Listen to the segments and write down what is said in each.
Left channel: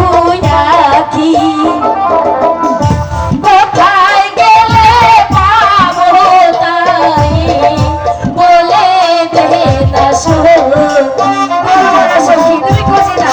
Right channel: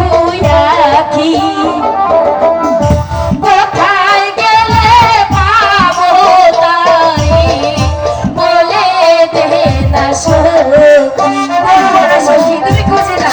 দুই আঁখি কোথায় গেলে পাবো তাই বলে দেবে না সখী তুমি খুঁজে না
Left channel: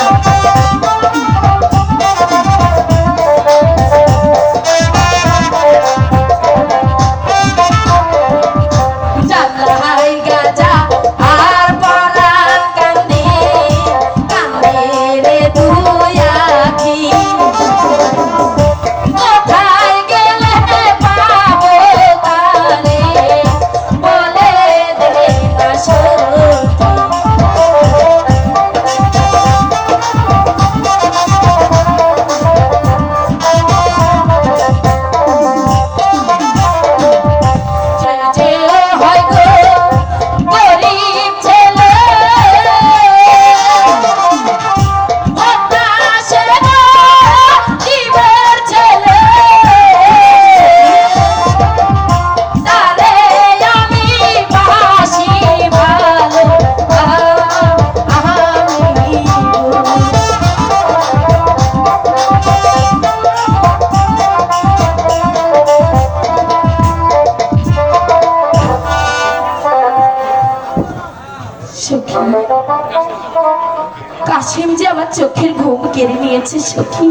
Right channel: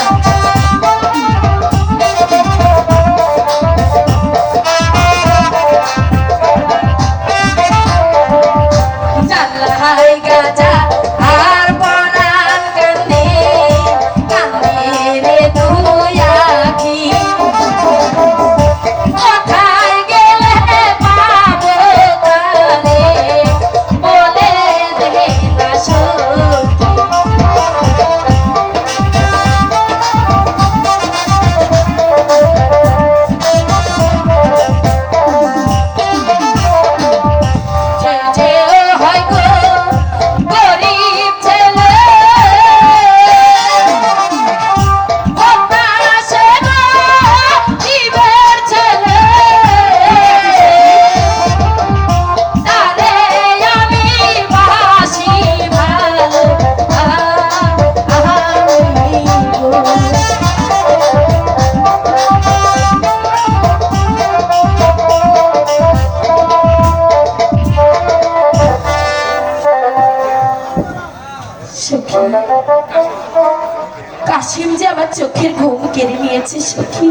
কাশিম যে আমার চোখের ঘুম কেড়ে নিয়েছে সখী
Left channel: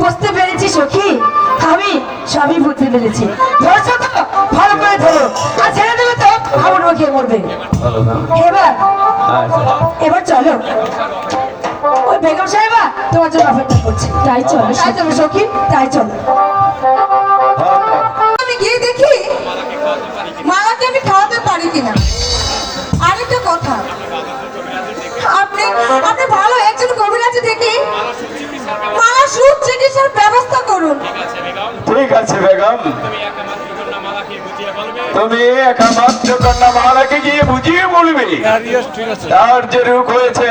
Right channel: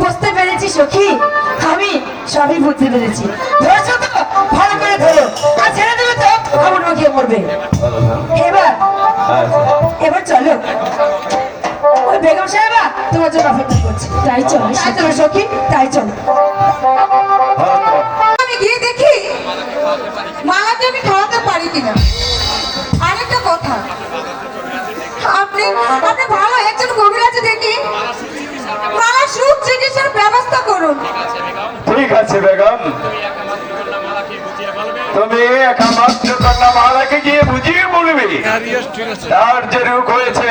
বুঝতে পেরেছি সখী আমি সবই বুঝতে পেরেছি ধরছো তো ভালো করে ধরো আর ছেড়ে দেবে তো আমার খেয়ে মরবে এবার এবার চলো ওই বেগম সাহেবা তোমার জন্য অপেক্ষা করছে তাই চলো সখী তাই চলো আমি গিয়ে দেখি মালাকে আমি খাওয়াতে পারি কিনা আরেকটা কথা আপনি আপনি ভালো একজন কবিরাজে দেখি মালা সুখ চিকিৎসার ব্যবস্থা করুন ঠিক আছে বেগম তুমি একমাত্র কন্যা মালাকে গিয়ে বুঝিয়ে বলবে তার যে রোগ হয়েছে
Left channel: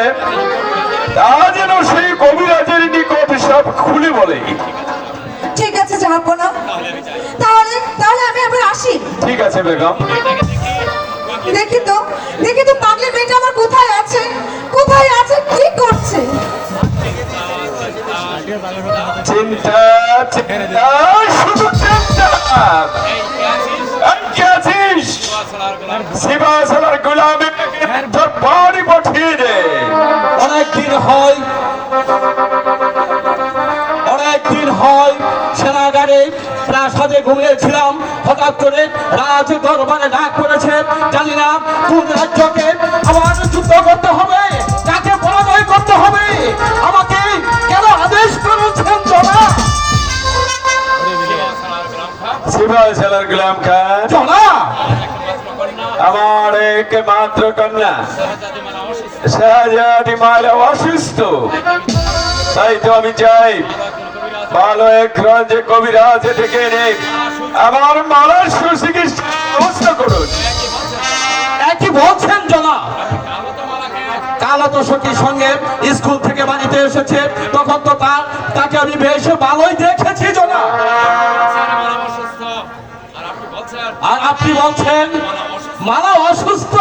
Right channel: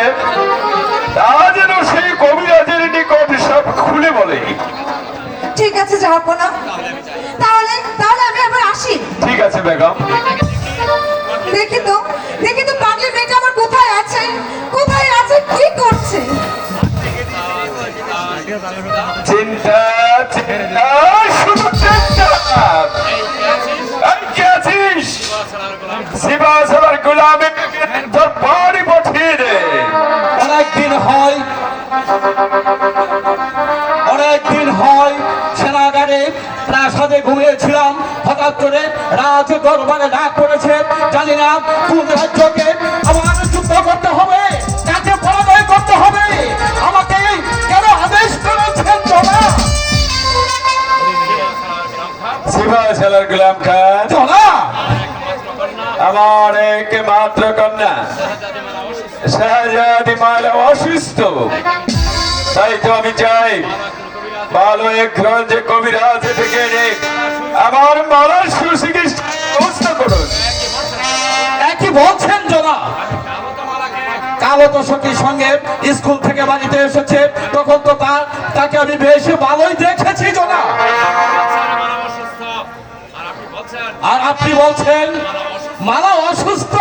তা যেন সেই কবিরাজের নিকট সব খুলে বলে। ঠিক আছে যাবো না তাহলে তাহলে আমি আবার আসি। ঠিক আছে বেগম। দেখি তো পাগলি মেয়েটা আমার কোথায় আছে কি করছে। চিন্তা চিন্তা শুধু চিন্তা কে আছিস শিবাশালার গোলামীটাকে তোর বাড়ি পাঠিয়ে দে। অনেকদিন হয় সেনাগারে প্রাসাদে ঘুমিয়েছিলাম, হঠাৎ করে রাজ দরবারে ডাক পড়েছে। জানি না কোন রাজ্যকে আমার যুদ্ধ করতে হবে, কাকে পরাজয় করতে হবে, আমাকে কেন আদেশ করেছেন জনাব? শিবাশালার গোলাম খান জনাব, আমার একমাত্র কন্যা শাহজাদি মালা অসুস্থ, তাই তো আমি চাই ভালো এক যে কবিরাজ থেকে এনে আমার মালার সুচিকিৎসা ব্যবস্থা করুন। একই বলছেন জনাব? কালো তো সখীর সঙ্গে স্কুল থেকে বাড়িতে এসেছে, তখন তো তাকে আমি বেশ ভালোই দেখেছি জনাব। আর আপনি বলছেন মালা অসুস্থ?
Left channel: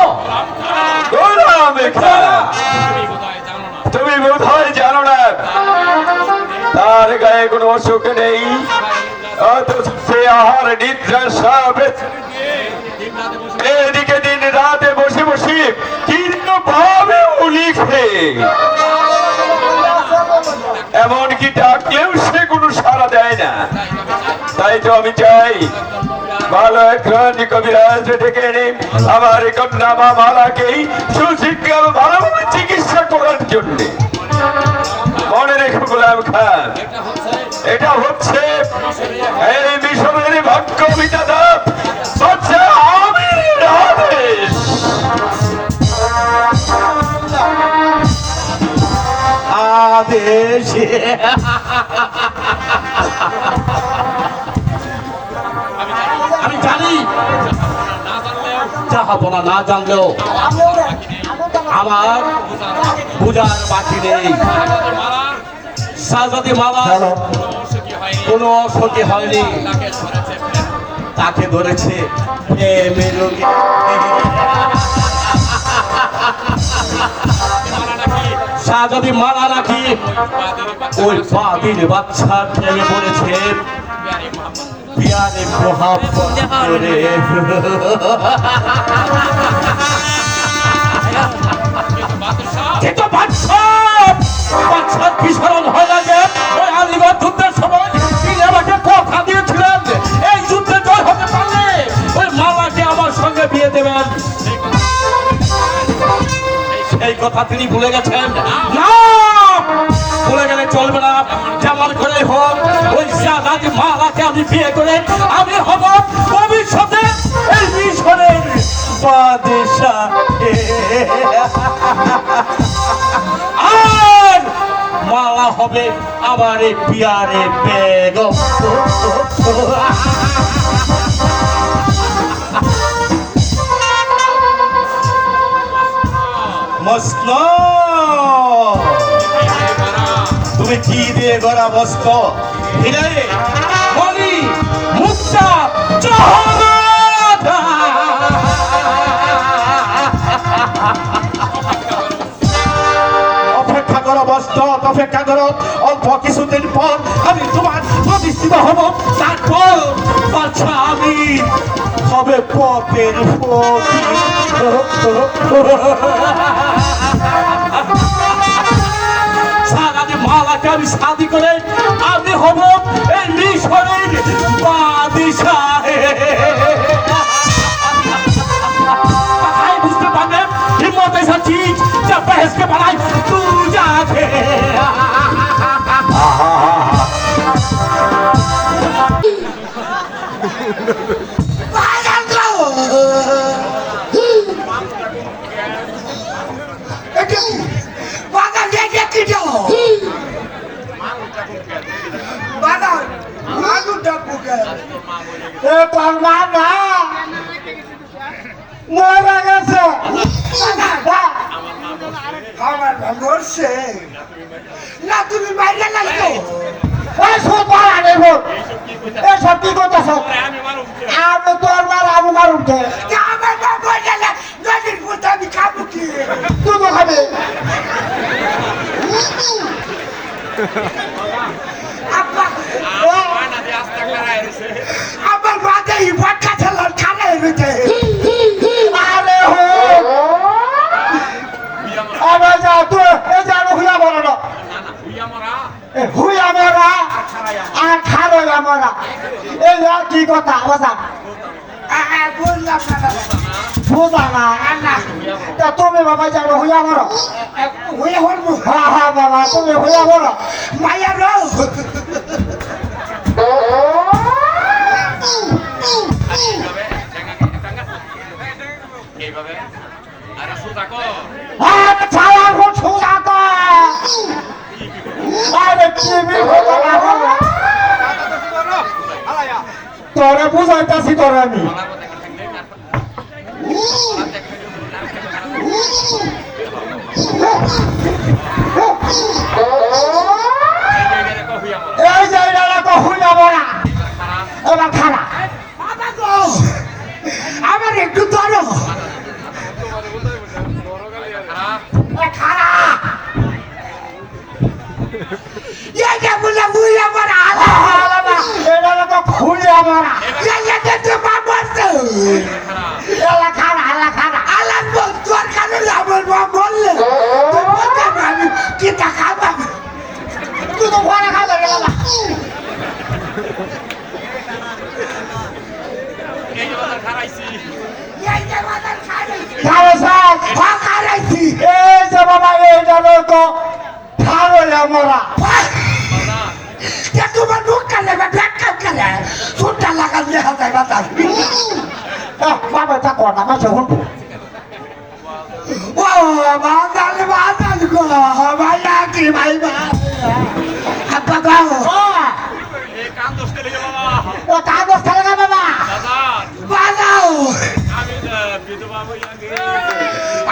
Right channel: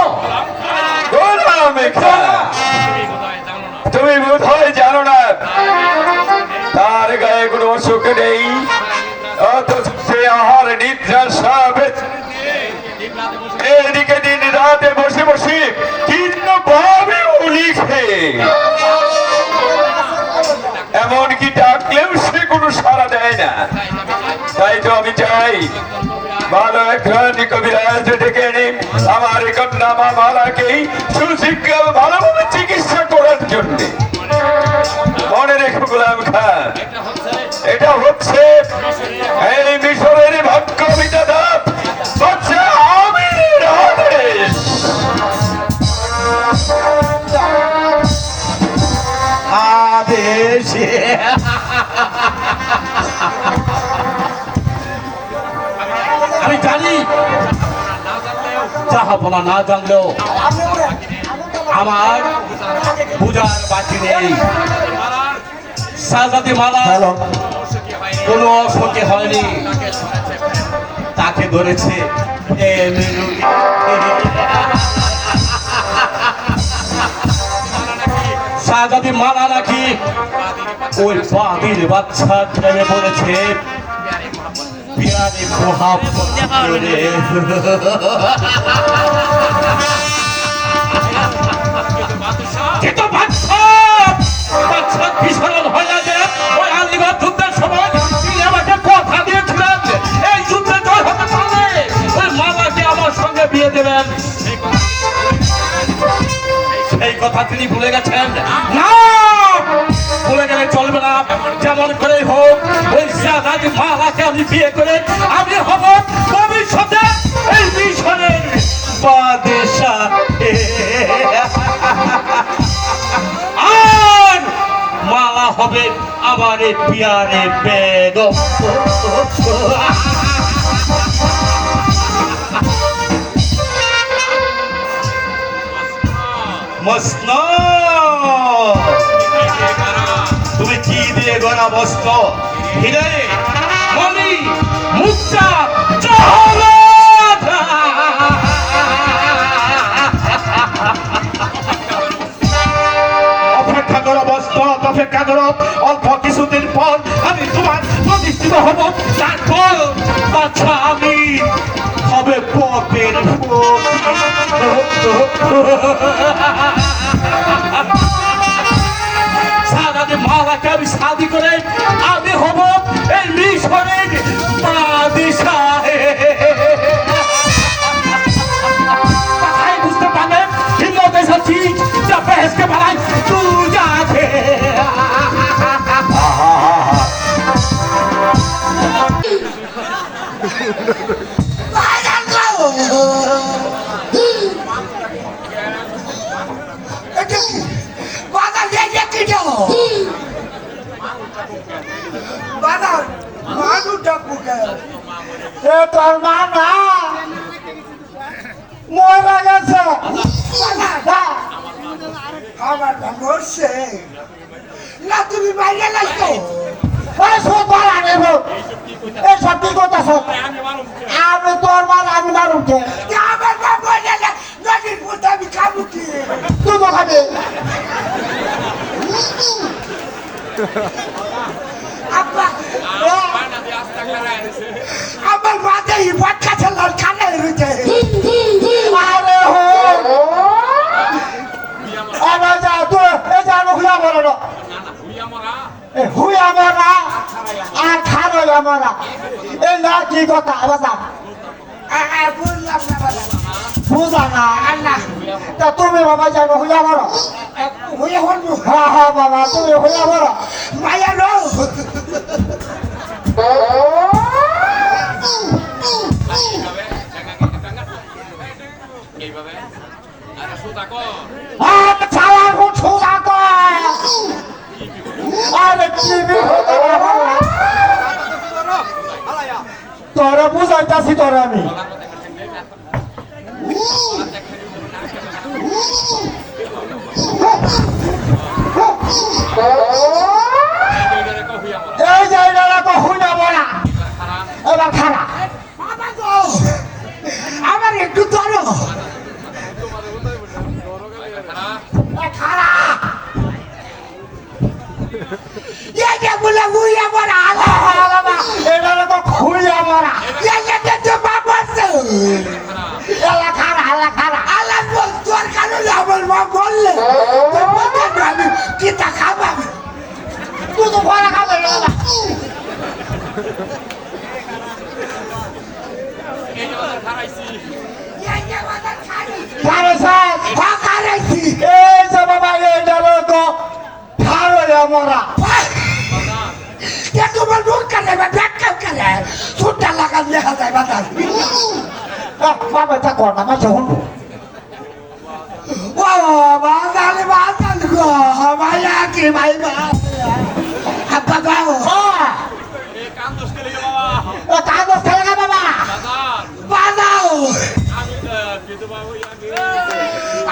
তুমি বোধ হয় জানো না তার গায়ে কোনো অসুখ নেই, অথচ সে আহার নিদ্রা সব এদিকে দিন রাতে বসে বসে তীর্ণ ভাবে লিখে, এমনকি ডাকলেও সে কোনো সাড়া দেয় না। তাই তো আমি চাই ভালো এক কবিরাজ ডেকে এনে আমার কন্যা মা মালাকেই সুশিক্ষা ভালোভাবে চিকিৎসা করার জন্য। মনে রেখো গোলাম খান, এটা হচ্ছে এই মিশরের ভাগ্য বিধাতা হচ্ছে আমিরের আদেশ। আদেশ আমি জানি, চাহাবনা না জানলেও আমার পূজার বাকি নেই। শাহজাদি মালা কোনো অসুখী হয়নি, তাকে ধরেছে যদি মালা নাকি ওই বাদির বাচ্চার প্রেমে পড়েছে বিয়ারে মোহাব্বত করে। কিন্তু বাচ্চা বিশরণ হয়ে না যে ওই আলিবাগ যুদ্ধের সময় তিনি আমাকে কথা দিয়েছিলেন এই যুদ্ধে জয় হতে পারলে ওই মালাকে আমার সঙ্গে বিয়ে দেবেন। সেই কথা তিনি ভুলে গেছেন। না, ভুলে গেলে চলবে না। যেমন করে হোক ওই জাগাতি মালাকে আমি বিয়ে করে আমি হব ভবিষ্যতে এই মিশরের বাদশাহ। আর মালা হবে আমার পিয়ারে বেগম। মস্ত তুমি কি দিয়ে গড়া মস্ত হিরে মনি মুক্তা অপেক্ষা করো মস্ত, অপেক্ষা করো। অল্প কিছুদিন পর আমি তোমার প্রতিষ্ঠিত হব। তারপর আচ্ছা আমি হবে পপের সারাদি মালাকে আমি শাদি করে আমি হব এই মিশরের বাদশাহ। বুঝতে পারবেন হিম্মত ऐसा चीज जब बहस के बनाए तू जाके না তুমি বাইরে লাগতো সত্যি কথা আমি তোর মাল আমি মারুম তো আমার মা বলে না নদীর পুঁতে আমি খাবো কি তুই খাবি আব্বা আমার মাথা এই বাচ্চা ছেলের খানে রয়েছে আরে হো আরে যা তুই এ যা হুইয়া বলো না হুইয়া মরা আর খারইয়া মরা এই কি কথা বাবা বললাম না বুঝা না তা তুমি বাবা জানো হুইয়া মরো হয়ে হলবো হ্যাঁ হ্যাঁ বাবা তুমি হুইয়া মরো মায়া রো আরে ছাড়া উঠো না আরে টিভি হতো না তোরা বুঝাইতাছি তোরা আমি এই জায়গাটা তো হুইয়া মরা এবার খারাপ বাবা গো আমার একটু ধরো খারাপ এটা বলে উইরা মারা এটা তো খুইয়া মরা এটা তো বাবা এলা খারা আলাদ বল তোর কারণে আমার মা বললে তুই বলতে আমি কিতা খাবা তুই তো ঘরে খাবে এলা এইটা বাজার খাই খাবে স্যার খারাইছি এই যে বাবা এইটা তো খাওয়া মরা তোমার নুন কালে বা ব্যাগ কালে সুটটা লাগাল দেখা যায় বাজার বাবা তা কর না মাঝে হুন ও বাজার গো ভাইয়া কি ভাই আব্বা গাও কাগজ খেলে বাবা বাজাও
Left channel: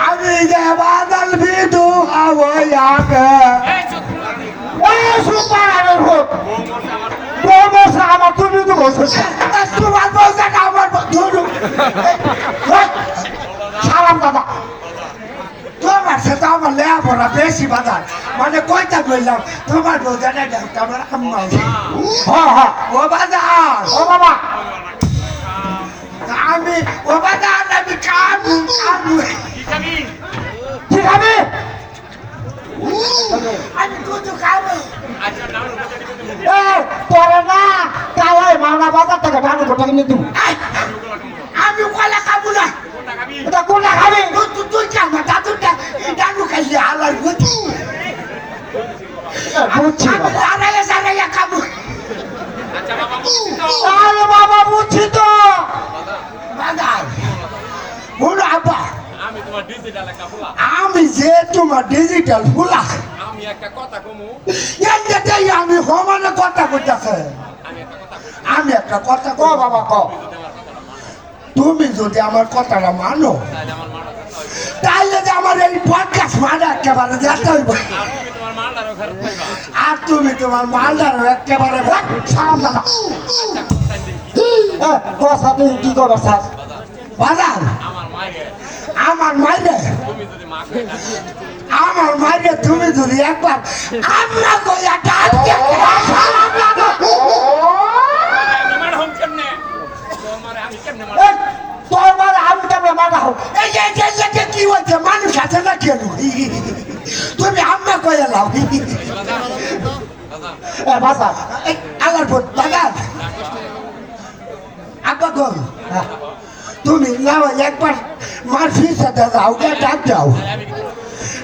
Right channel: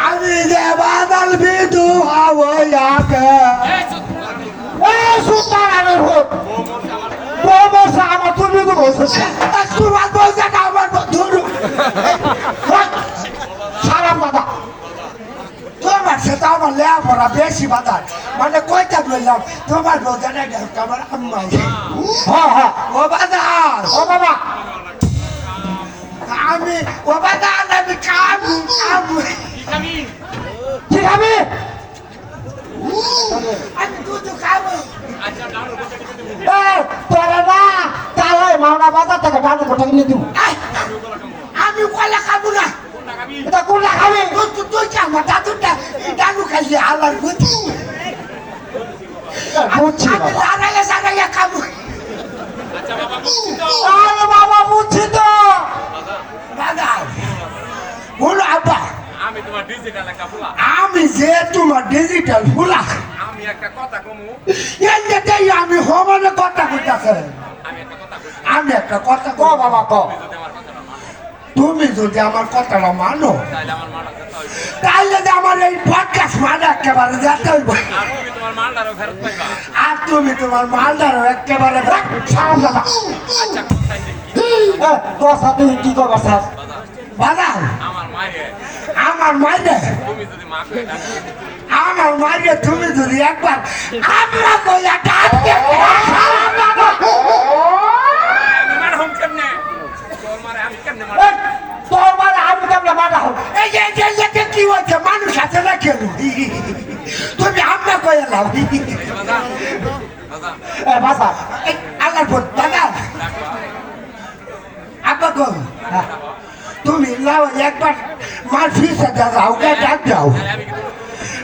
আমি যে বাজার বিদু হবো ইয়াকে ওই সুপার আমি হোক বলবো আমার তুমি তো বলছিস তোমার বলছে আমার ধরু সালাম দাদা তোমার সাথে আমার আমার লেখাপড়া বেশি বাজার মানে কইটা বললাম তোমার বোঝাটা আমার আম্মা হ্যাঁ হ্যাঁ ও বাজার ও বাবা আমি ও বাজার আমি কামু ঠিক আছে আমি দুধ খাবো তোরা না তাহলে মাওনা বাজার থেকে ডাল কোটা কিনে দিব আমি কলা খাবো না এটা কোলা খাবে তুই কামা দাদুটা ডালু খাইলে আলার বুঝি বুঝছি আমি আরে সারাইয়া খাবো আচ্ছা বাবা বুঝছি তো আরে বাবা বুঝছি তো বাজার বলো আপা আমি তোমার ডিজিটাল একটা ফুলা আমি যে তোমার ডিজিটাল ফুলা আমি একটা কথা কমু এই আমি হমানে কথা কইতাছে আমি একটা কথা কও বাবা কও তুমি যদি আমার কথাটা মানো তাহলে আমার মাটা যেতে হইবে তাইলে যে আমার এই পডকাস্ট মানে একেবারে যেতে হইব আর তুমি তোমার মালটারও ফেরত পাইবা আর তুমি তোমার মালদারও একেবারে সাউন্ড দাও আচ্ছা কোথায় দেখি কথা তুমি কি করবা স্যার বাজার আমার মায়ে আমার মাইনে তুমি যদি মা কই ডাকি আমার মাইনে তুমি যদি একবার আমরা কইয়া ডাকতে আমি মার হোম কেমনে তোর মারে আমি কেমনে মার তোমার আমি কেমন মানা হোক এই যে কি হচ্ছে মানুষ আছে না কেন তুমি আমরা কইয়া লাও বাজার বাজার বাসা আল্লাহর ভোট বাজার আব্বা গো তুমি লাও একবার মার ফিসে দাও ওকে ডাক দাও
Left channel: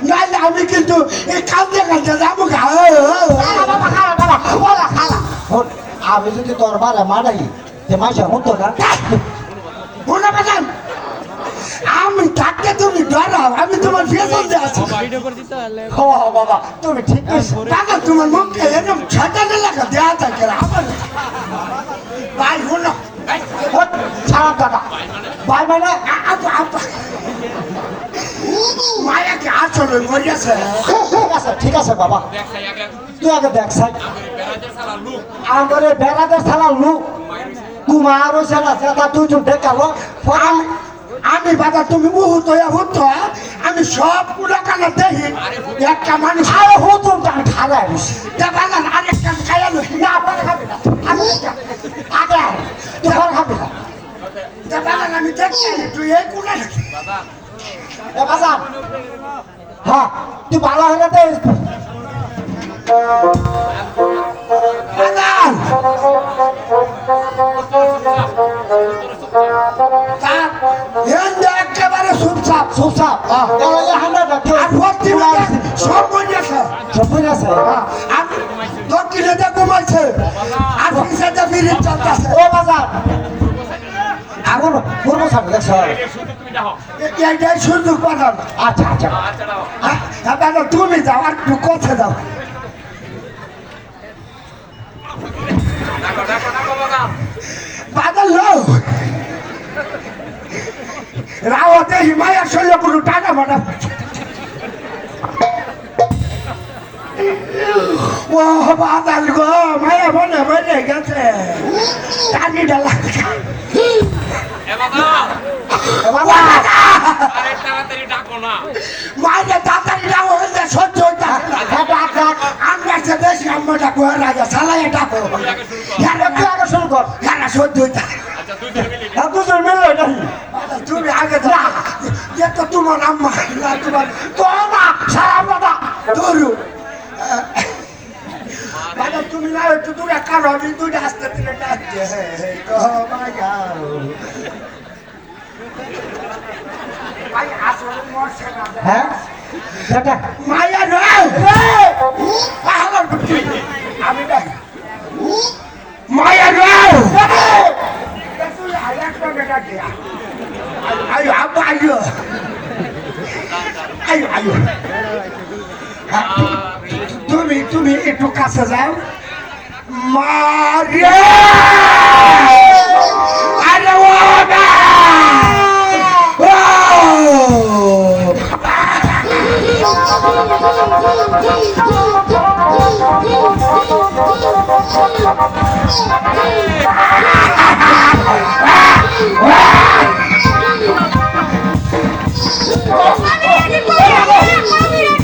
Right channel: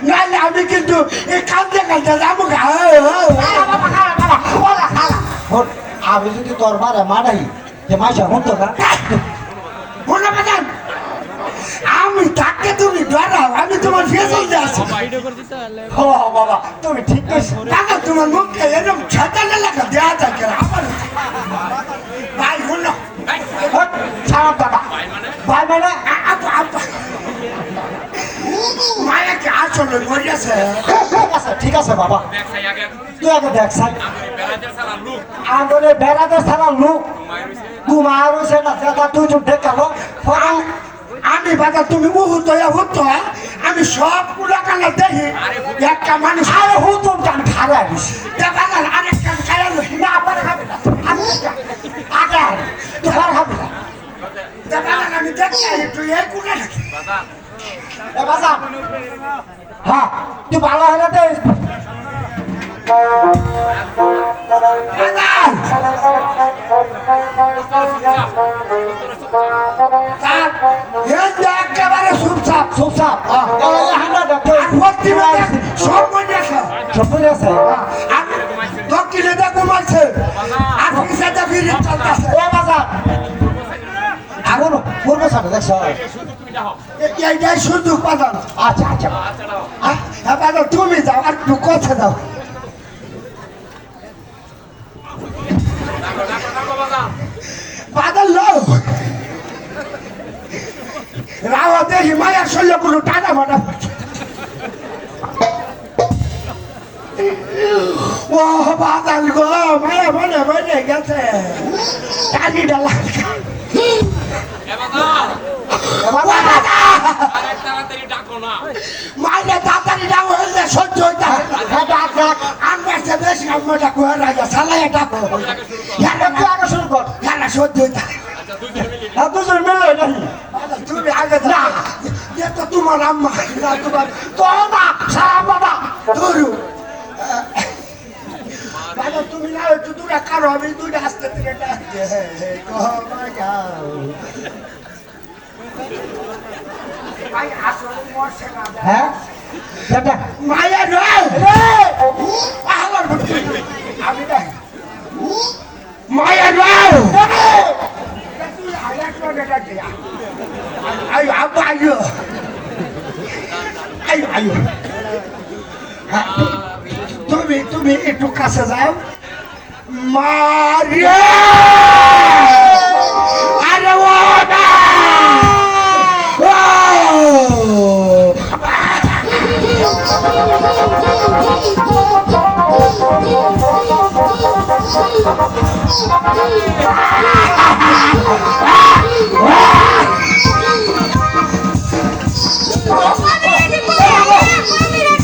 নাইলে আমি কিন্তু এই কান্দে কান্দে যাবো আমি যদি তোর মারা মারাই যে মাইসা হতো না বলে বাজান আমি থাকতে তুমি ডরাও আমি তোমার ফেসে আছি ও বাবা তুমি ঠিক কইছো বাবা তোমার মুখে এরকম ছেটালে লাগা দেয়া থাকে আমার ভাই হলো ছাড়া বাবা ভাই মেলা মায়াকে আসলে মরেছে ঠিক আছে বাবা দেখ সাই আগে তুই আগে দেখ সাই আমাদের বেড়াদের সালা লুক আমাদের বেড়াতে ছাড়া লোক মায়ের হইছে কুমার সেনা সেটা তুই তো দেখালো আমি বাবা তুমি বহুত হতো আমি সব পুরা কালা দেখি একটা মানুষ আরে হুতুম আমি খারাপ বাজান আরেকটা খাইলো না আপনারা খাবে না আগে তুই খারাপ খাবে না বাজান আমি দেখছি তুই এই কোনে বাজার এ বাসা হ্যাঁ তুই ভালো হলে দে বাজান তার হেন্দে একেবারে সুপসাপ সুসাপ আমরা দেখতে আর ভর্তি হয়ে সব মনে আছে সবই আছে আর দক্ষিণে দা ঘুমাইছে আর পিছাতে ফিরে চলতেছে ও বাসা আগুন পূর্ব সাথে দেখছ তুমি যাও এইটাই সুযোগ বাজান আচ্ছা আচ্ছা আচ্ছা দাও হ্যাঁ বাজান তুমি যাও আর একটু কথা দাও ডাকো ডাকো ডাকো বাজার বাজান লো রাওয়াতে হিমালয় শৈল পুরো টাকা মাটা ও বাজান গো মায়া মনে মনে গেছে টানি ডালা এ বাজার বাবা আরে তাড়াতাড়ি ডাকো না মায়ের তাড়াতাড়ি ডাক হলে সহ্য হইতে আমরা সে বেশি আমরা কোয়া রাজা সালায় ডাকো আগে শুরু কর হ্যাঁ সহ্য হইতে আচ্ছা দুজন মিলে দুজন মিলে নাকি তুমি আগে যা যে তো তোমার আম্মা না তোমার তোমা সারা বাবা ধরু বাবা তুমি না একটু দূরে কারো আমি দুইটা আসতে দিলে ডাকছে আসলে মরছে না হ্যাঁ দাদা মায়া নয় আমার বুদ্ধি আমি নাই মায়া নয় তুই হাইলাইট করে ডাকে আয়ো আব্বা আয়ো আয়ো আয়ো তুমি একটু কাছে যাও মারিয়া আরে ও না আমি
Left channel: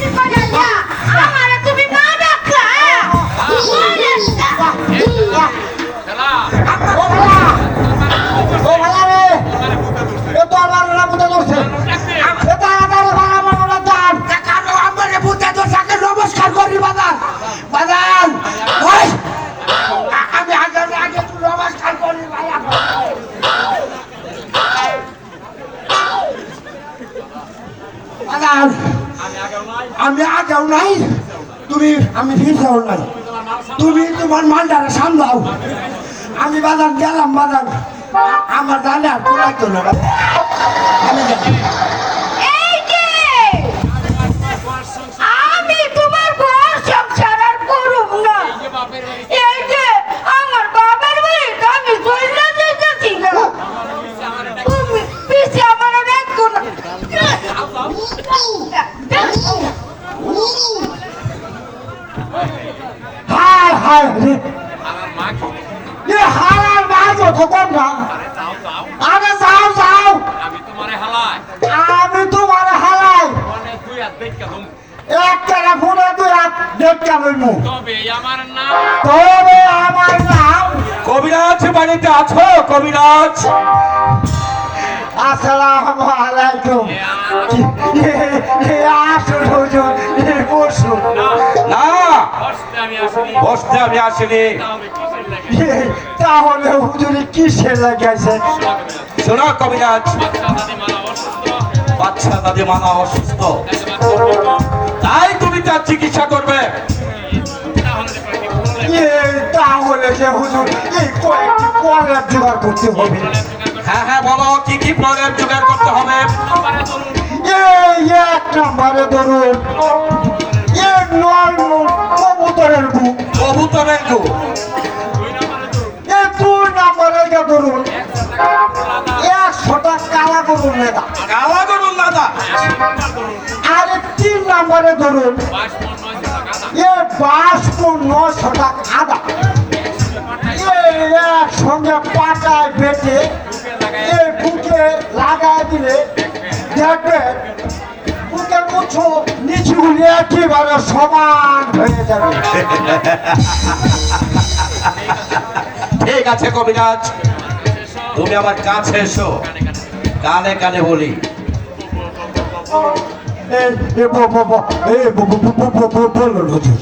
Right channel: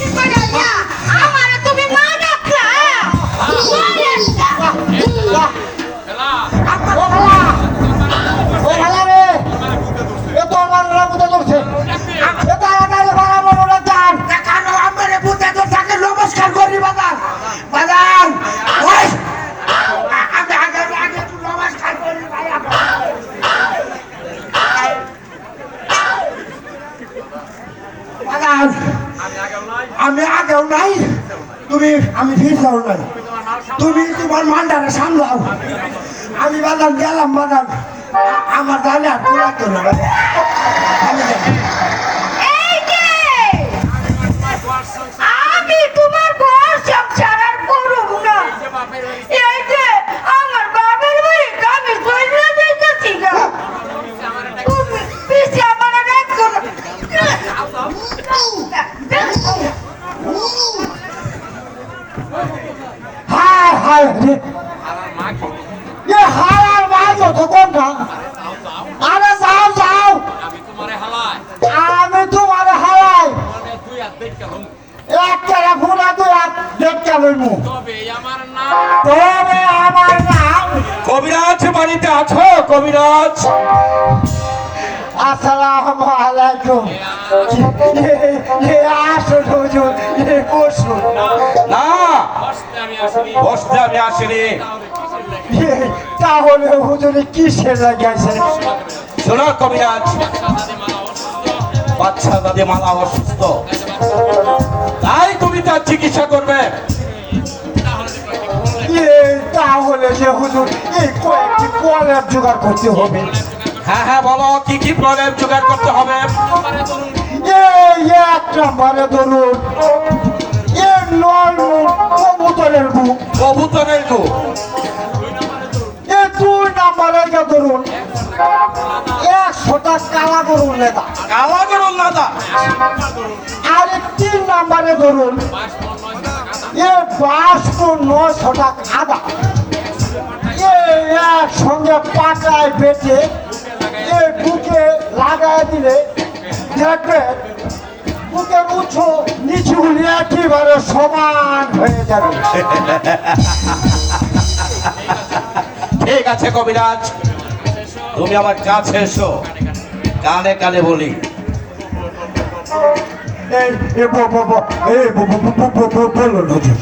ফিরছাও নাই তুমি তোমার মালটারে সামলাও আমি বাদাম গেলাম বাদাম আমার দানে আর পোলা তো না আমি যাই আমি তোমার ঘর সংসার আর করব না এই যে আমার বাপের বাড়িতে আমি চলে যেতেছি না তুমি পিছে আমার রাখো না হায় হায় রে এ হায় মাগো তো কোন না আরে যাও যাও আমি তোমারে হালাই আমি তোমার হায় মনে তুই আর দেখ কেমন এক টাকা ফুরা তুই আর দেখতে লইমু তবে আমার নাম তবে আমার নাম কবিরাজ বাড়িতে আছো কবিরাজ? আসসালামু আলাইকুম আসুন হুজুর বসুন না, বসতে আমি আসিনি বসতে আমি আসিনি। তাহলে হুজুরে কিসে লাগাইছে শোনো কবিরাজ, বাচ্চা দাদি মারা অসুস্থ বাচ্চা দাদি মালা অসুস্থ, তাই তো বাচ্চা অসুস্থ। তাই তুমি তার চিকিৎসা করবে। তাহলে দেখো কি প্রবলেম তাহলে যে হুজুর এই কয়েকটি কলের জোগাড় করতে হবে হ্যাঁ হ্যাঁ বলো, কি কি প্রবলেম জোগাড় করতে হবে? নাম্বারে ধরুন এই এক নম্বরে ধরুন এ নয় কবুতরের বুক কবুতরের গো, 2 নাম্বারে ধরুন এ দুই নম্বরে ধরুন 100 টাকা প্রলাদা 100টা কালা গরুর লেদা কালা গরম দাদা, 100 নাম্বার ধরুন আর 3 নম্বরে ধরুন 22 মন 9 টাকা আদা এ 900টা আদা এ একসঙ্গে পাটায় বেটে এ বুকে লাগায় দিলে দেখবে বুকের উঁচু নিচুগুলি একেবারে সমান হয়ে যাবে ঠিক আছে কবিরাজ, তুমি আমার কাছে এসো, কানে কানে বলি। এই বলুন হুজুর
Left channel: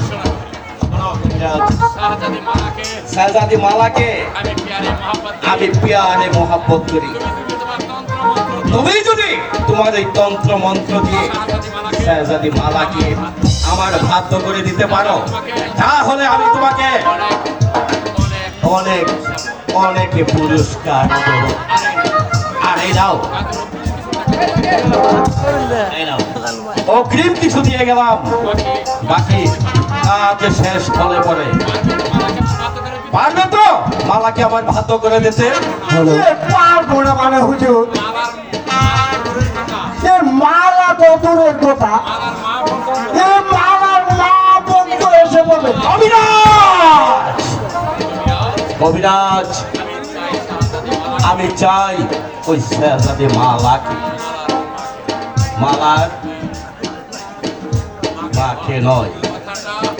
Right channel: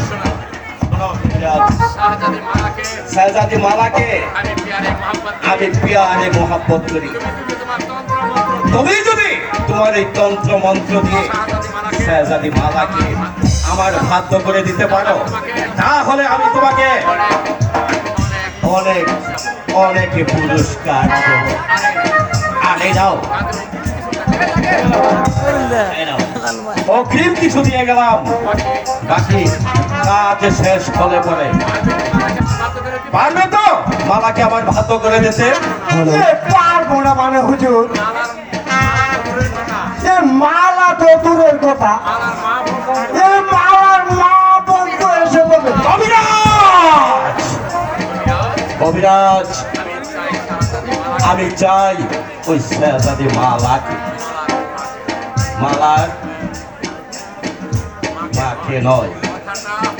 শাহজাদি মারাকে শাহজাদি মালাকে আমি প্যারে মোহাম্মত আমি প্যারে মোহাব্বত করি। তোমার তন্ত্র মন্ত্র তুমি যদি তোমার এই তন্ত্র মন্ত্র দিয়ে শাহজাদি মারাকে শাহজাদি মালাকে আমার বাধ্য করে দিতে পারো, তাহলে আমি তোমাকে অনেক অনেক পুরস্কার দেব। আর এই নাও, এই নাও, অগ্রিম কিছু দিয়ে গেলাম, বাকি কাজ শেষ হলে পরে পারবে তো মালাকে আবার ভাত করে দিতে? পারবো না মানে হুজুর মালার মালার দূরের কথা এ মালা তো দূরের কথা মালার মা বলতো এ মালার মা বন্ধ এসে বলে কবিরাজ, আমি চাই ওই শাহজাদি মালাকে, মালার মাকে নয়,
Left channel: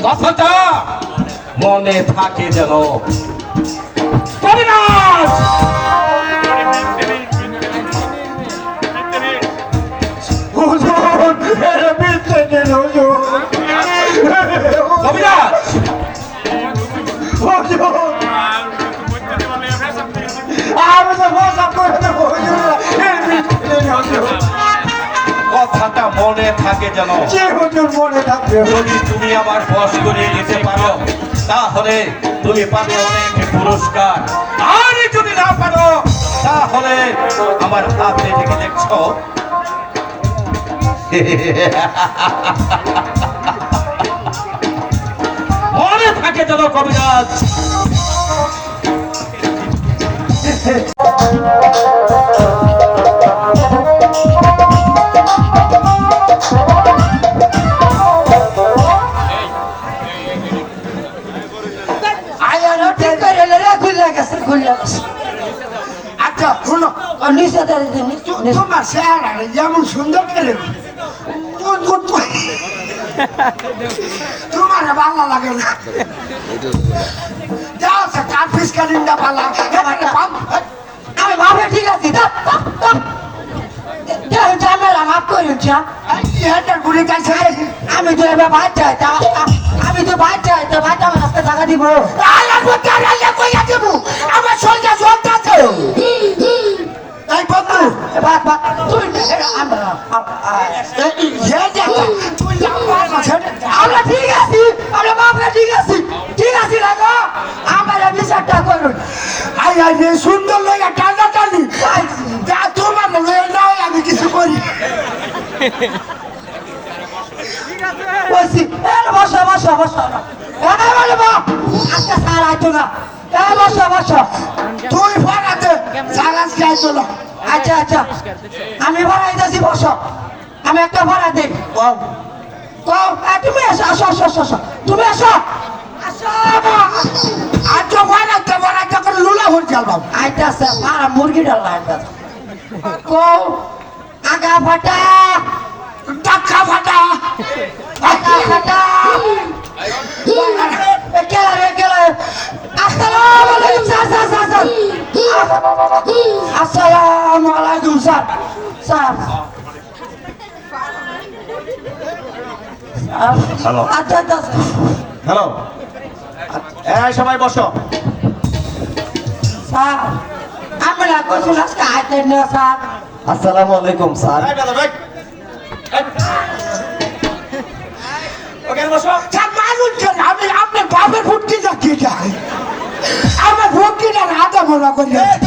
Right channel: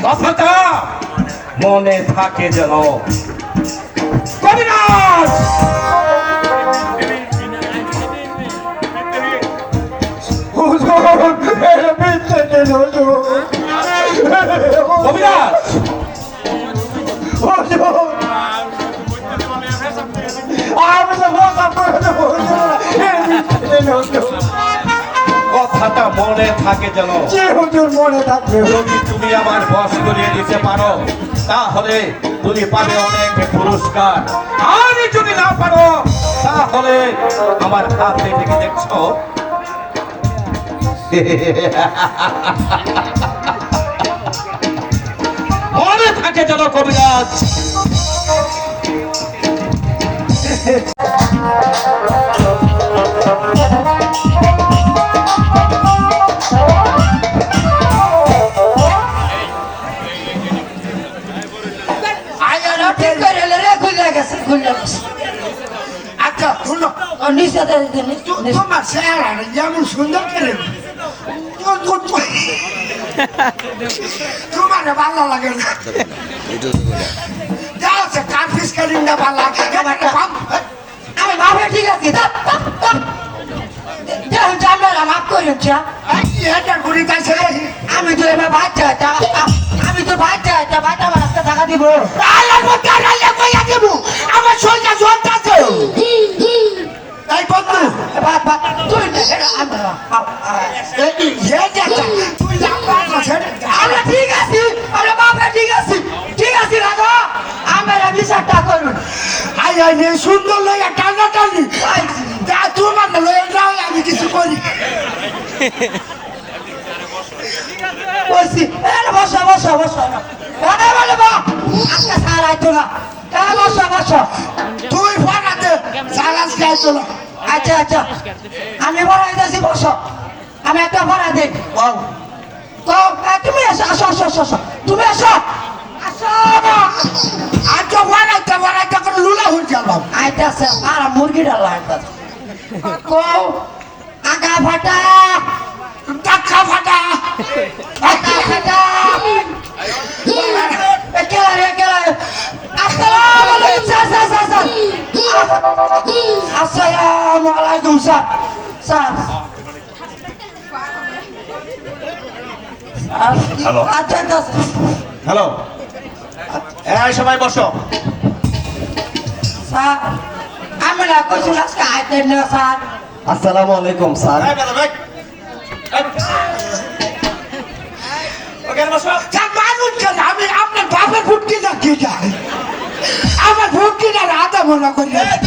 কথাটা মনে থাকে যেন। কবিরাজ, হুজুর এর মিথ্যে দিন হুজুর কবিরাজ, হুজুর আমি তো ভাষা করে দেবো হুজুর এর মিথ্যে দিন হুজুর কথাটা মনে থাকে যেন। যে হুজুর মনে থাকবে যদি তুমি আমার বশ করিয়ে দিতে পারো, তাহলে তুমি পাবে অনেক পুরস্কার। আর যদি না পারো, তাহলে আমার হাতে থেকে দেখছো মনে থাকে যেন কবিরাজ। আয়ালো ঠিক করে রে খুলে গেছে খুলে গেছে আচ্ছা শুনো নিচে তোমার চেহারা যেমন সুন্দর করে তোমার ভালো লাগে না যা আছে কার্পিস কালিন্দা ভালো লাগে আরে বাবা ঠিক আছে জানালা মাফ করুন এটা ঘুরে যাইছে আমি তো এবার বাচ্চা আমি তো বাচ্চা বাচ্চা আমার রাস্তা টাকা দিব আমার সঙ্গে জন্তাছে এই বন্ধু তুই না আমরা তুই আমরা ঠিক আছি আমরা বাপের ঠিক আছে রাখো আমার বিচারটা করুন আই আই রে সুন্দর লইয়া টানা টানি যা তোমার লইয়া যাও আমি কিছু করি বলছি বসো বসো বসো বলে বা আজকে স্যার আইতো না বসো বসো তুই ফোনাতে সালাস খাইছো না আচ্ছা আচ্ছা আমি ভরা যাচ্ছি বসো আমি একটা ভরা দিই তো তুমি আসো আসো আসো আসো আসো তুমি আসো আসো আচ্ছা ফোনাতে করে লুলা হয়ে গেল আইতে আছে পারা মুরগি ডালা আইতে কো আগা ফাটা টাকা ফাটা আগা ফাটা একেলা আসসালামু আলাইকুম স্যার আসসালামু আলাইকুম স্যার হ্যালো আচ্ছা আচ্ছা হ্যালো এই সবাই বসো স্যার আমি না কইছি আজকে আইতেন না স্যার আসসালামু আলাইকুম স্যার এই বেটা ভাই ওখানে বসো মানুষ কেন আমি আপনার বাপের ভুটকি যাচ্ছি যাই আমার ভুটকিটা রাধা মনে করি স্যার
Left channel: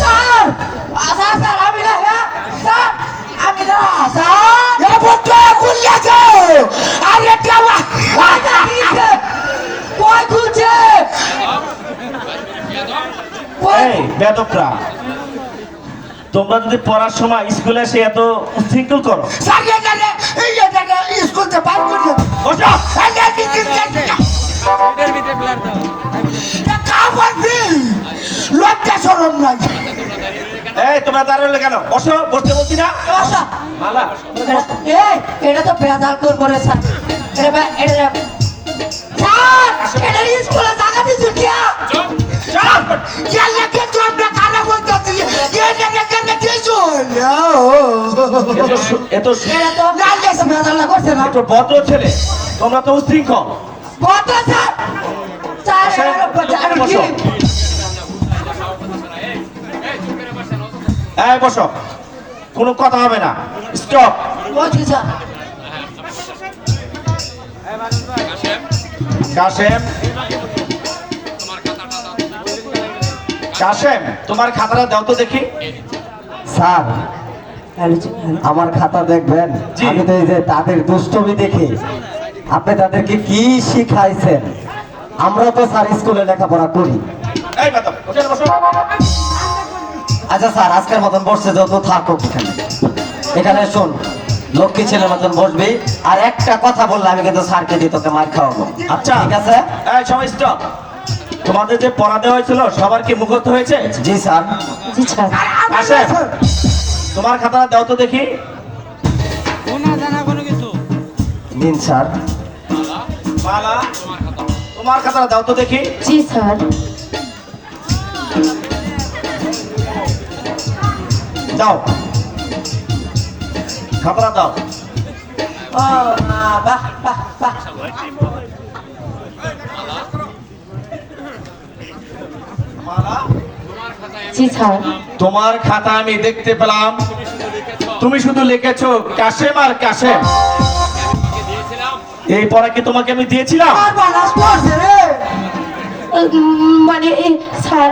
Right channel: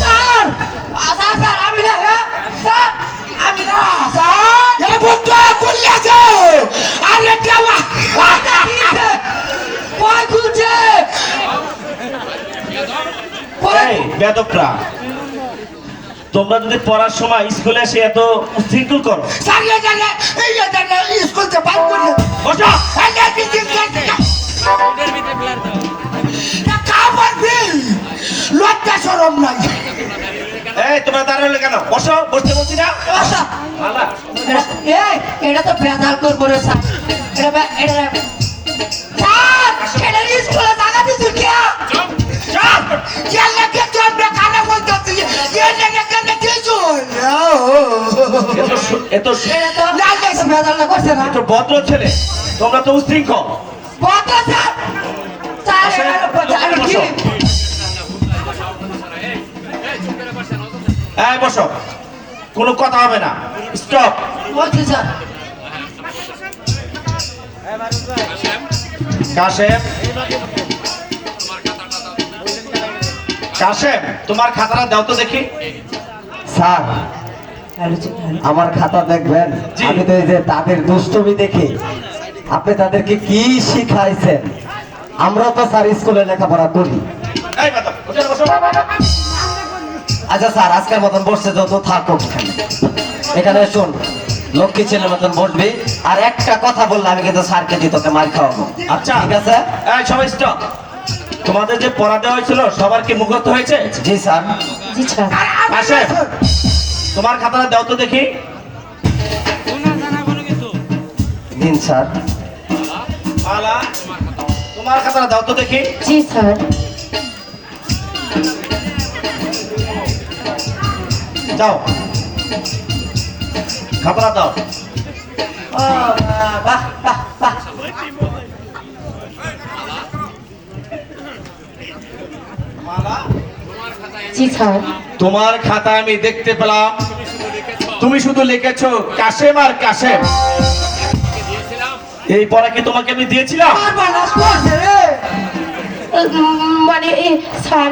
স্যার আমি না স্যার আমি না স্যার এ ভুটকা খুললেছে আরে কেমন কই খুলছে এই বেদকরা তোমরা যদি পড়ার সময় স্কুলে এসে এত উশৃঙ্খল করো সারিয়ে জানে এই যে জানে স্কুল থেকে বাইর করে বসো লজ্জা সরম নাই এই তোমরা দাঁড়ালে কেন বসো বসতে বলছি না আচ্ছা মালা এই এটা তো ভেজাল করবো রে স্যার এটা স্যার এটা স্কুলে জায়গা দিচ্ছি কি জানলে কিন্তু আমরা খারাপ হয়ে যাচ্ছি এত ভেজাল না করছে না এত ভদ্র ছেলে তোমরা তো উশৃঙ্খল কত স্যার স্যার আমি কি এই বসো কোনো কথা হবে না স্টপ বলছি স্যার কাশেম কাশেম তোমার খাতাটা দাও তো দেখি স্যার আমার খাতা দেখবেন জি। আমি তো এই যে তাদের দুষ্টমি দেখে আপনি তাদেরকে কি শিখাইছেন আমরা তো স্যার স্কুলে লেখাপড়া করি এই বেটা ওখানে বসো আচ্ছা স্যার আজকের মতন বসছে যত থাকুক এখানে এখানে শোন লক্ষ্মী ছেলের মতন বসবি আর একটা কথা বললে আমি কিন্তু স্যারকে দিয়ে তোকে মার খাওয়াবো আচ্ছা ঠিক আছে এই সবাই স্টপ তোমাদের যে পড়া দেওয়া হয়েছিল সবার কি মুখস্থ হয়েছে জি স্যার জি স্যার কাশেম তোমার খাতাটা দাও তো দেখি দিন স্যার মালা তোমার খাতাটা দাও তো দেখি জি স্যার যাও খাতাটা দাও ও বাহ বাহ বাহ জি স্যার তোমার খাতা আমি দেখতে পেলাম তুমি শুধু লিখেছো কাশেম আর কাশেম এই পড়া কি তোমাকে আমি দিয়েছিলাম আর বানাস করছে রে মানে স্যার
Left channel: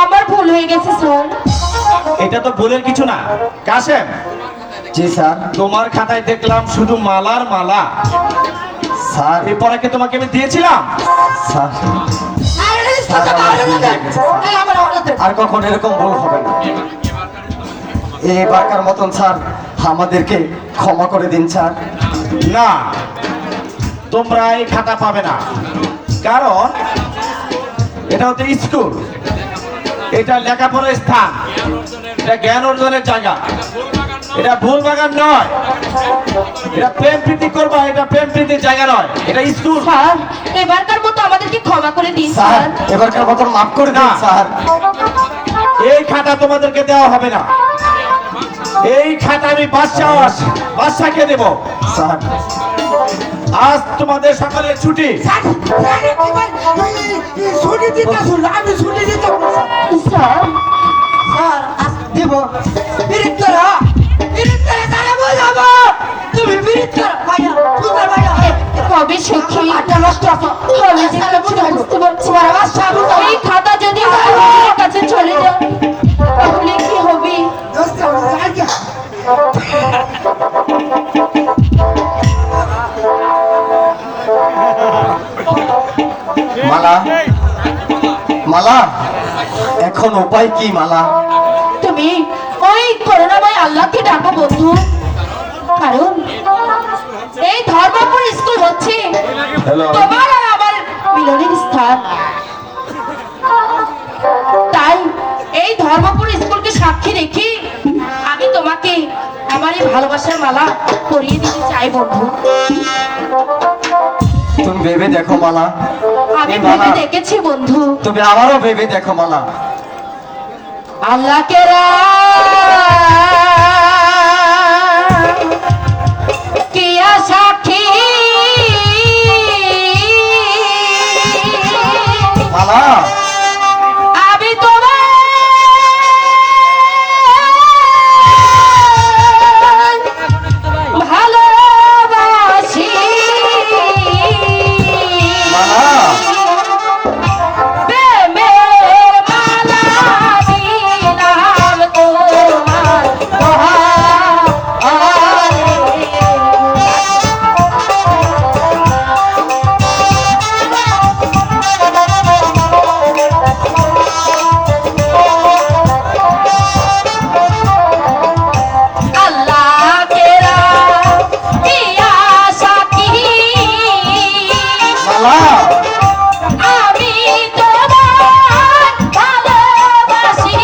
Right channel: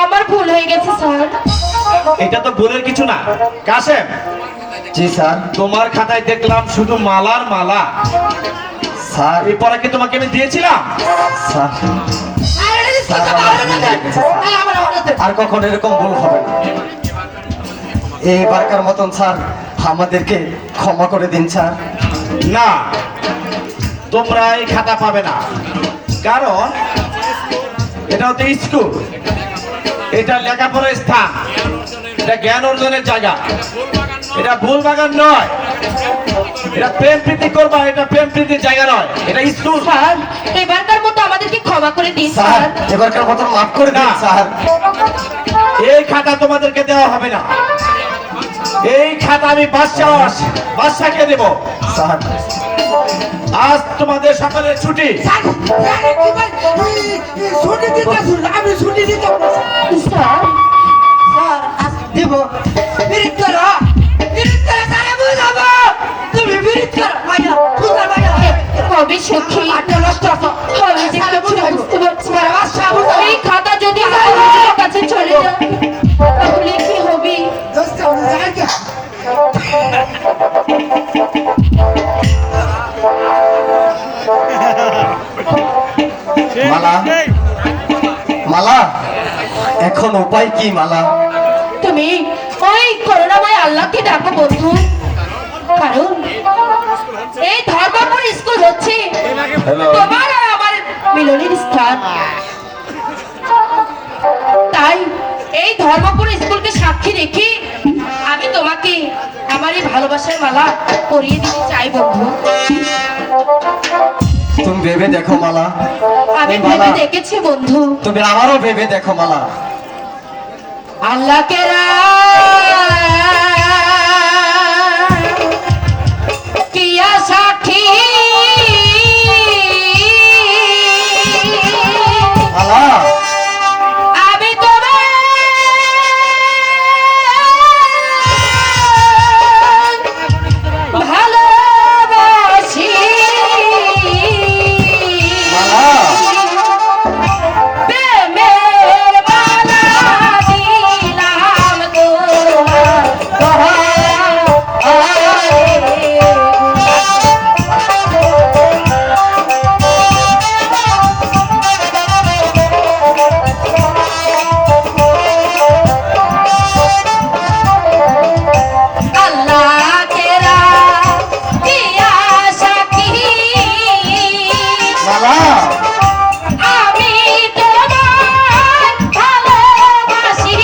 আমার ভুল হয়ে গেছে স্যার এটা তো ভুলের কিছু না কাশেম জি স্যার তোমার খাতায় দেখলাম শুধু মালার মালা স্যার এই পড়া কি তোমাকে আমি দিয়েছিলাম স্যার আরে সাথে মারে না এই আমার হাতে আর কখন এরকম ভুল হবে না এবারকার মতন স্যার আমাদেরকে ক্ষমা করে দিন স্যার না তোমরা এই খাতা পাবে না কারণ এটা হচ্ছে স্কুল এটা লেখাপড়ার স্থান এটা জ্ঞান অর্জনের জায়গা এটা ভুল বাগান নয় এটা প্রেম প্রীতি করবা এটা প্রেম প্রীতির জায়গা নয় এটা স্কুল স্যার এবারকার মতো আমাদেরকে ক্ষমা করে দিন স্যার স্যার এবারকার মতন মাফ করে দিন না। স্যার এই খাতা তোমাদেরকে দেওয়া হবে না এই খাতা আমি বাদশাকে দেব স্যার আজ তোমাদের সকালের ছুটি ছুটি দিতে ভুল আমি ছুটি দিতে ভুল স্যার স্যার আজ দিব বিরিত করা তারা বুঝাবো তুমি বিরিত করা ভাইয়া পুত্র ভাইয়া কবে সখী আটা নষ্ট মালা এখন উপায় কি মালা? তুমি ওই করুণাময় আল্লাহকে ডাকো বন্ধু, কারণ এই ধর্মপুর স্কুল হচ্ছে হ্যালো। তোমার আর আমার মিলনের স্থান। তাই এই ধর্মপুর স্কুলকে সাক্ষী রেখে আমি তোমাকে আমার এই ভালোবাসার মালা পরিয়ে দিতে চাই বন্ধু। তুমি ভেবে দেখো মালা, আমি এই ভেবে মালা দেখেছি বন্ধু। তুমি আবারও ভেবে দেখো মালা। আল্লাহকে কিয়া সাক্ষী মালা আমি তোমার ভালোবাসি। মালা প্রেমের মালা দিলাম মালা আমি তোমার ভালোবাসি।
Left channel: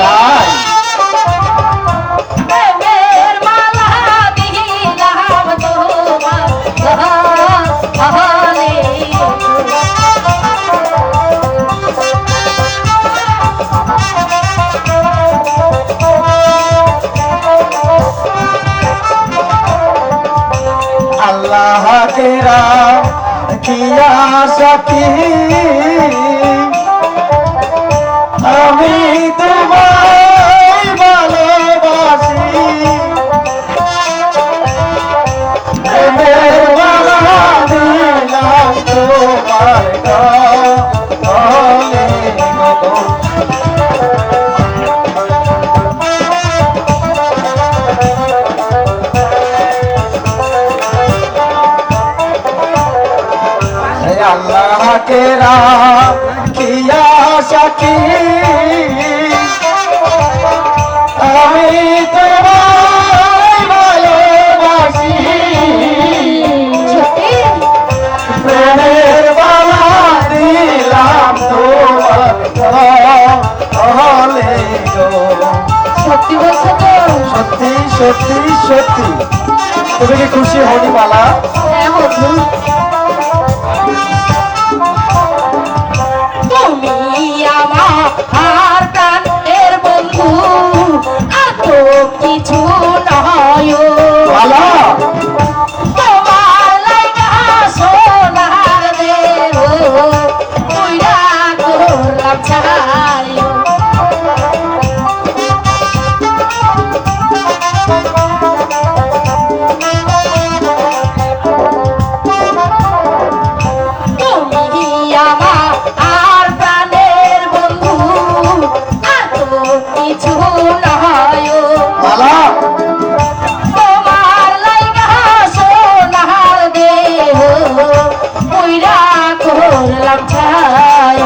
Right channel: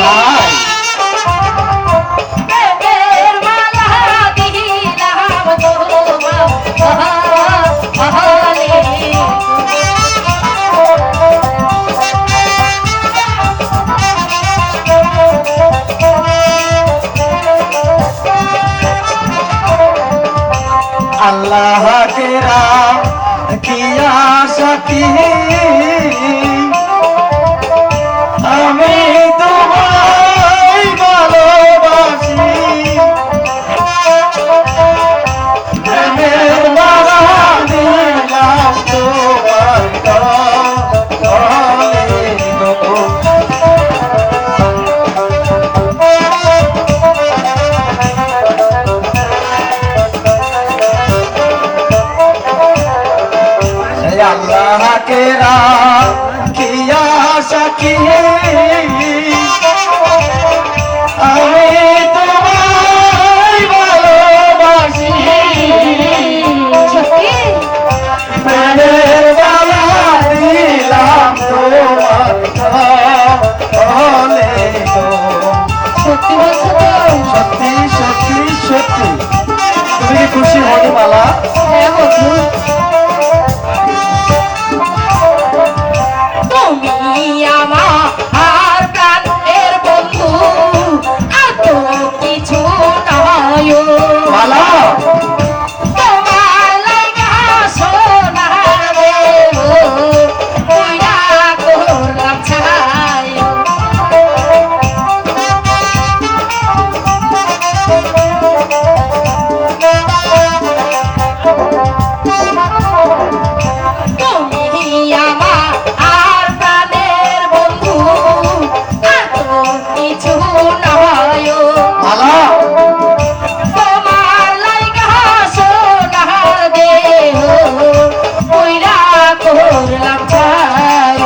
তাই প্রেমের মালা দিলাম তোমারে। আল্লাহ কেরা কিয়া সাথী আমি তোমায় ভালোবাসি। প্রেমের মালা দিলাম তোমায় গলে গো। আল্লাহ কেরা কিয়া সাথী আমি তোমায় ভালোবাসি। সত্যি প্রেমের মালা দিলাম তোমার গলে গো। সত্যি বলছো তো? সত্যি সত্যি সত্যি। তুমি কি খুশি হনি মালা? হ্যাঁ বন্ধু। তুমি আমার প্রাণের বন্ধু, আর তো কিছু নয়। মালা তোমার লাগা সোনার দেহ, কইরা করলাম ছাই। তুমি আমার আর প্রাণের বন্ধু, আর তো কিছু নয়। মালা তোমার লাইগা সোনার দেহ, কইরা করলাম ছাই।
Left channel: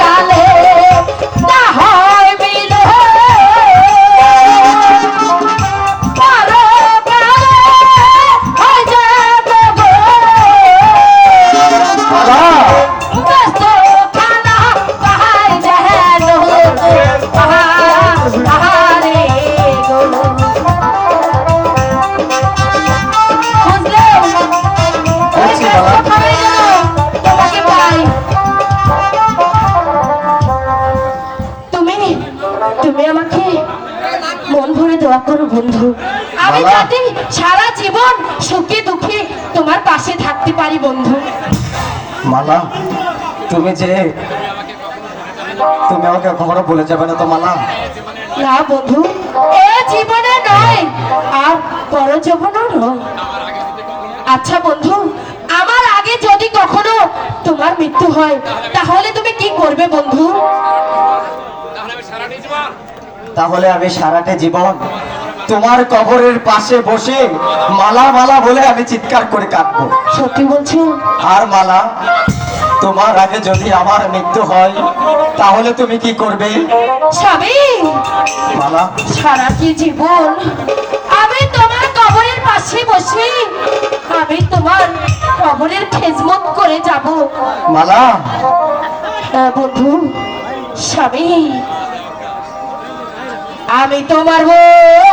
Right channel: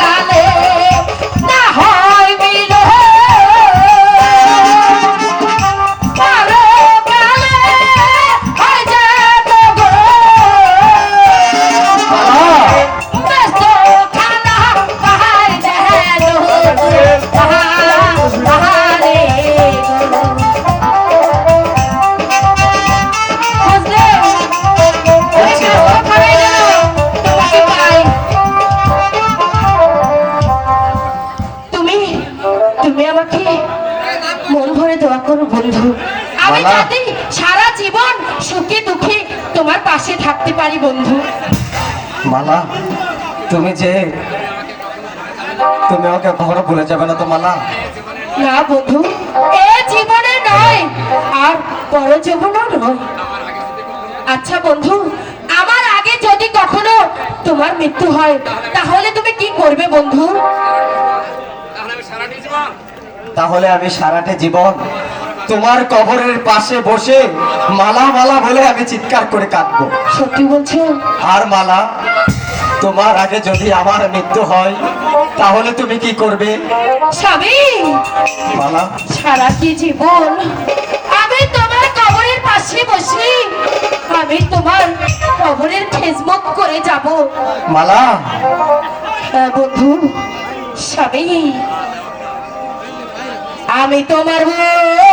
কালে না হয় মিলে, পরকালে হয় যাবে গো। ব্যস্ত খানা পাহাড় যেন পাহাড়ে গো। বুঝলে? ওই যে ওখানে যেন তোমাকে পাই। তুমি তুমি আমাকে মন ভরে দোয়া করো বন্ধু, আমি মালা। যাতে সারা জীবন সুখে দুঃখে তোমার পাশে থাকতে পারি বন্ধু। মালা তুমি আমাকে কখনো ভুলে যাবে না তো মালা? না বন্ধু, এ জীবনে নয় আর পর জীবনও নয়। আচ্ছা বন্ধু, আমার আগে যদি কখনো তোমার মৃত্যু হয়, তাহলে তুমি কি করবে বন্ধু? তাহলে আমি সারাটি জীবন তাহলে আমি সারাটা জীবন তোমার কবরের পাশে বসে মালা মালা বলে আমি চিৎকার করে কাঁদবো। সত্যি বলছো? আর মালা, তোমার আগে যদি আমার মৃত্যু হয় তাহলে তুমি কি করবে? স্বামী, মালা, সারাটি জীবন আমি তোমার কবরের পাশে বসে আমি তোমার কবরের খেজমত করে যাব। মালা, বন্ধু, স্বামী, আমি তোমার বউ